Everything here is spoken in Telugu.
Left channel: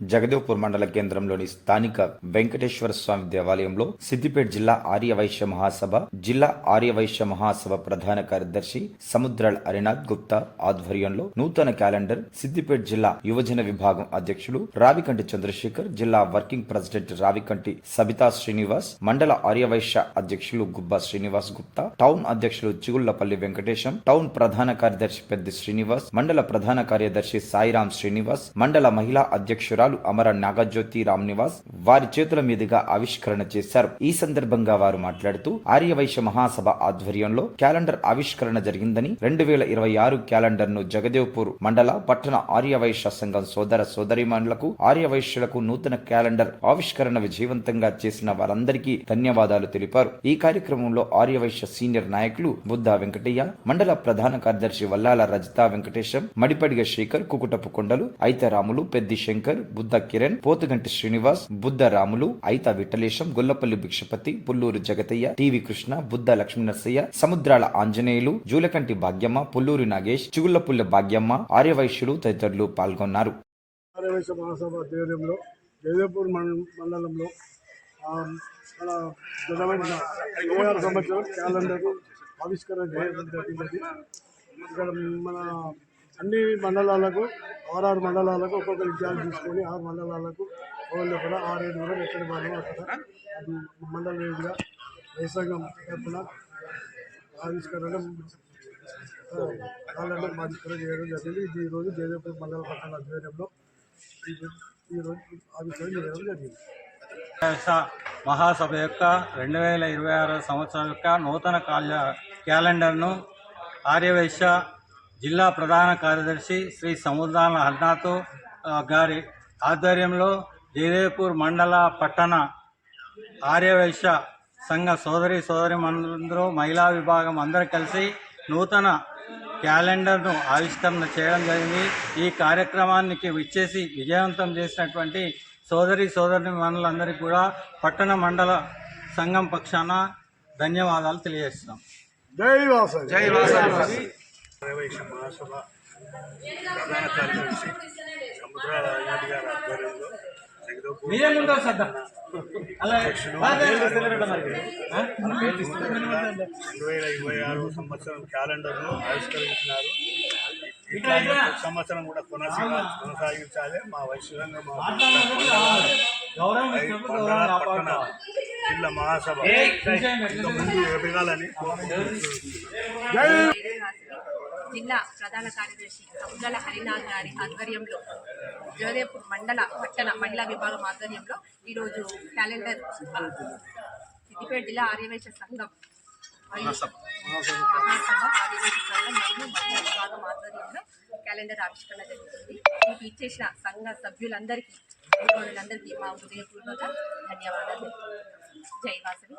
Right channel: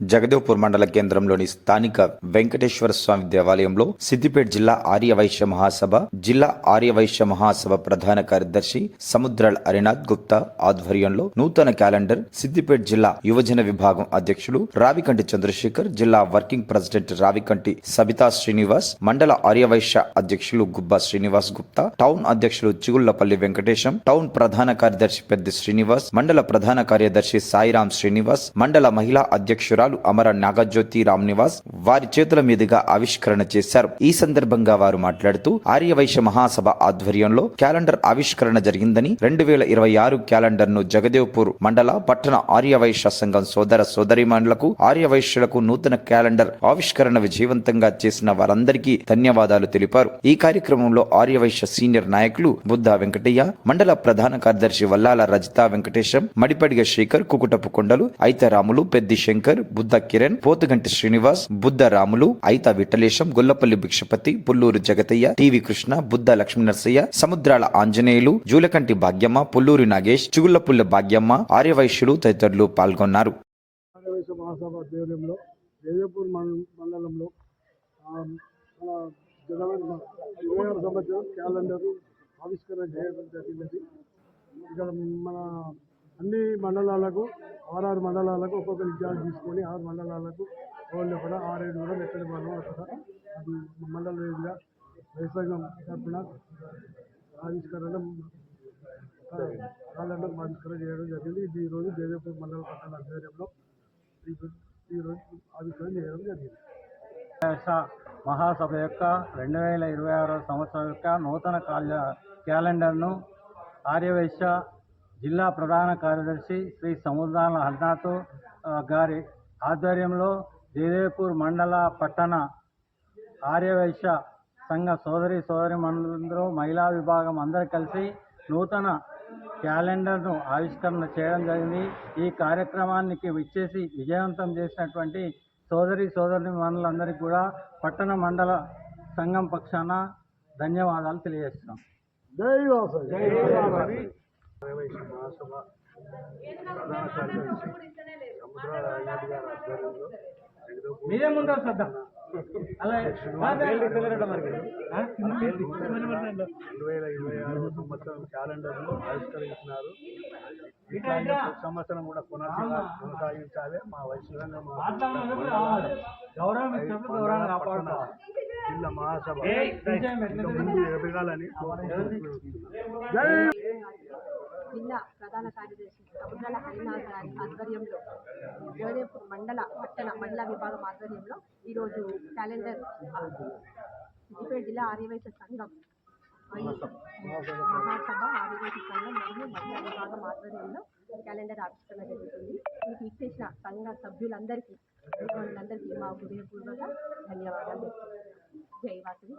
జగదేవ్పూర్ మండల కేంద్రంలోని స్థానిక వెంకటేశ్వర స్వామి దేవాలయంలో సిద్దిపేట జిల్లా ఆర్యవైశ్య మహాసభ జిల్లా ఆర్యవైశ్య మహాసభ ప్రధాన కార్యదర్శి సముద్రాల హరినాథ్ గుప్తా ఆధ్వర్యంలో నూతన క్యాలెండర్ సిద్దిపేట జిల్లా యువజన విభాగం అధ్యక్షులు రావికంటి చంద్రశేఖర్ జిల్లా వర్కింగ్ ప్రెసిడెంట్ రావికంటి సబితా శ్రీనివాస్ మండల ఆర్యవైశ్య అధ్యక్షులు గుబ్బా శ్రీనివాస్ గుప్తా టౌన్ అధ్యక్షులు చిగుళ్ళపల్లి వెంకటేశం టౌన్ ప్రధాన కార్యదర్శి పెద్ది శ్రీనివాస్ మండల ప్రధాన కార్యదర్శి సాయిరాం శ్రీనివాస్ మండల మహిళా అధ్యక్షురాలు అమర నాగజ్యోతి రామ్ నివాస్ వారి చేతుల మీదుగా ఆవిష్కరణ చేశారు. ఈ సందర్భంగా వారు మాట్లాడుతూ ఆర్యవైశ్య మహాసభ ఆధ్వర్యంలో క్యాలెండర్ ఆవిష్కరణ జరిగిందని రెండు వేల ఇరవై ఆరు క్యాలెండర్ను జగదేవ్పూర్ మండల పట్టణ ఆర్యవైశ్య సంఘం సోదర సోదరిమణులకు ఆర్యవైశ్యులకు నూతన క్యాలెండర్ ఆవిష్కరణ విజయవంతంగా చేసిన వారందరికీ ధన్యవాదాలు తెలిపారు. ఈ కార్యక్రమంలో ఆర్యవైశ్య సీనియర్ నాయకులు బుద్ధ వెంకటయ్య మండల ప్రధాన కార్యదర్శి వల్లాల రజిత వెంకటేశం మడిపడిగ శేఖర్ కుకుటపు కొండలు ఐతరాములు పెద్ది శంకర్ బుద్ధ కిరణ్ పోతుగంటి శ్రీనివాస్ బుద్ధ రాములు ఐత విఠలేశం గొల్లపల్లి భిక్షపతి పుల్లూరు జగతయ్య టీవీ కృష్ణ బుద్ధ లక్ష్మీ నరసయ్య సముద్రాల ఆంజనేయులు జూలకంటి భాగ్యమ్మ పుల్లూరి నాగేష్ చిగుళ్ళపుల్ల భాగ్యమ్మ ఆర్యవైశ్యులు తదితరులు పాల్గొన్నారు. ఆర్యవైశ్య మహాసభ ఆధ్వర్యంలో జయదేపూర్ మండలంలో మన సంవత్సరం క్యాలెండర్ ఆవిష్కరణ చేయడం జరిగినది ఇక్కడ మన అన్ని మండలాలకు ఆరారు మండలాలకు ఒక్కొక్క ఇన్ఛార్జ్ తీసుకొని ఆరు మండలాలకు వాళ్ళు కూడా ఆరేడు కూడా ఎక్కడ మనం అక్కడ అది మండల వేదిగా వైసంగం తరఫున ఆవిష్కరణ క్యాలెండర్ ఆవిష్కరణ చేయడం జరిగింది. ఇది ఈరోజు జయదేవపూర్ మండల పట్టణ ఆధ్వర్యంలో ఈ- ఈరోజు ఆవిష్కరణ చేయడం జరిగింది. మహాసభ యొక్క రెండు వేల ఇరవై ఆరో సంవత్సరం యొక్క నూతన కాల క్యాలెండర్ను ఆర్యవైశ్య జిల్లా ప్రధాన కార్యదర్శి శ్రీ సముద్రాల హర్నాథ్ గారి ఆధ్వర్యంలో జయదేవ్పూర్ మండల పట్టణ ఆర్యవైశ్య సంఘ సోదరి సోదరి మందరూ మహిళా విభాగం అందరూ కలిసి నూతన క్యాలెండర్ను ఆవిష్కరణ చేయడం జరిగింది. ఈ కార్యక్రమానికి విచ్చేసి విజయవంతం చేసినటువంటి సోదరి సోదరి మనులందరికీ కూడా పట్టణ మండల సంఘం పక్షాన ధన్యవాదాలు తెలియజేస్తున్నాం. జై వాసవి జై ఆర్యవైశ్య మహాసభ ప్రధాన కార్యదర్శి సముద్రాల అయ్యాడి గారి ఆధ్వర్యంలో రెండు వేల ఇరవై ఆరు సంవత్సరం క్యాలెండర్ను ఆవిష్కరించినారు. ఇట్లాగే ప్రతి సంవత్సరం కూడా కొనసాగా కొనసాగించాలి. మా వైశ్యంగా మా మండల మండల పట్టణ జిల్లా మహాసభ. ఇంకా ముందు ఎదగాలని కోరుకుంటున్నాను. జిల్లా ప్రధాన కార్యదర్శి సముద్రాల హరినాథ్ గారి ఆధ్వర్యంలో జోదేపూర్ మండల పట్టణ మహిళా విభాగం ఆధ్వర్యంలో ఈరోజు క్యాలెండర్ సిద్దిపేట జిల్లా ఆర్యవైశ్య సంఘం మహాసభ. ఆర్యవైశ్య సంఘం మరియు మహిళా విభాగం ఆధ్వర్యంలో క్యాలెండర్ ఆవిష్కరణ జరుగుతుంది. మీకు ఇచ్చేసిన సంఘ సభ్యులందరికీ అందరికీ మా హృదయపూర్వక ధన్యవాదాలు. జై వాసవి.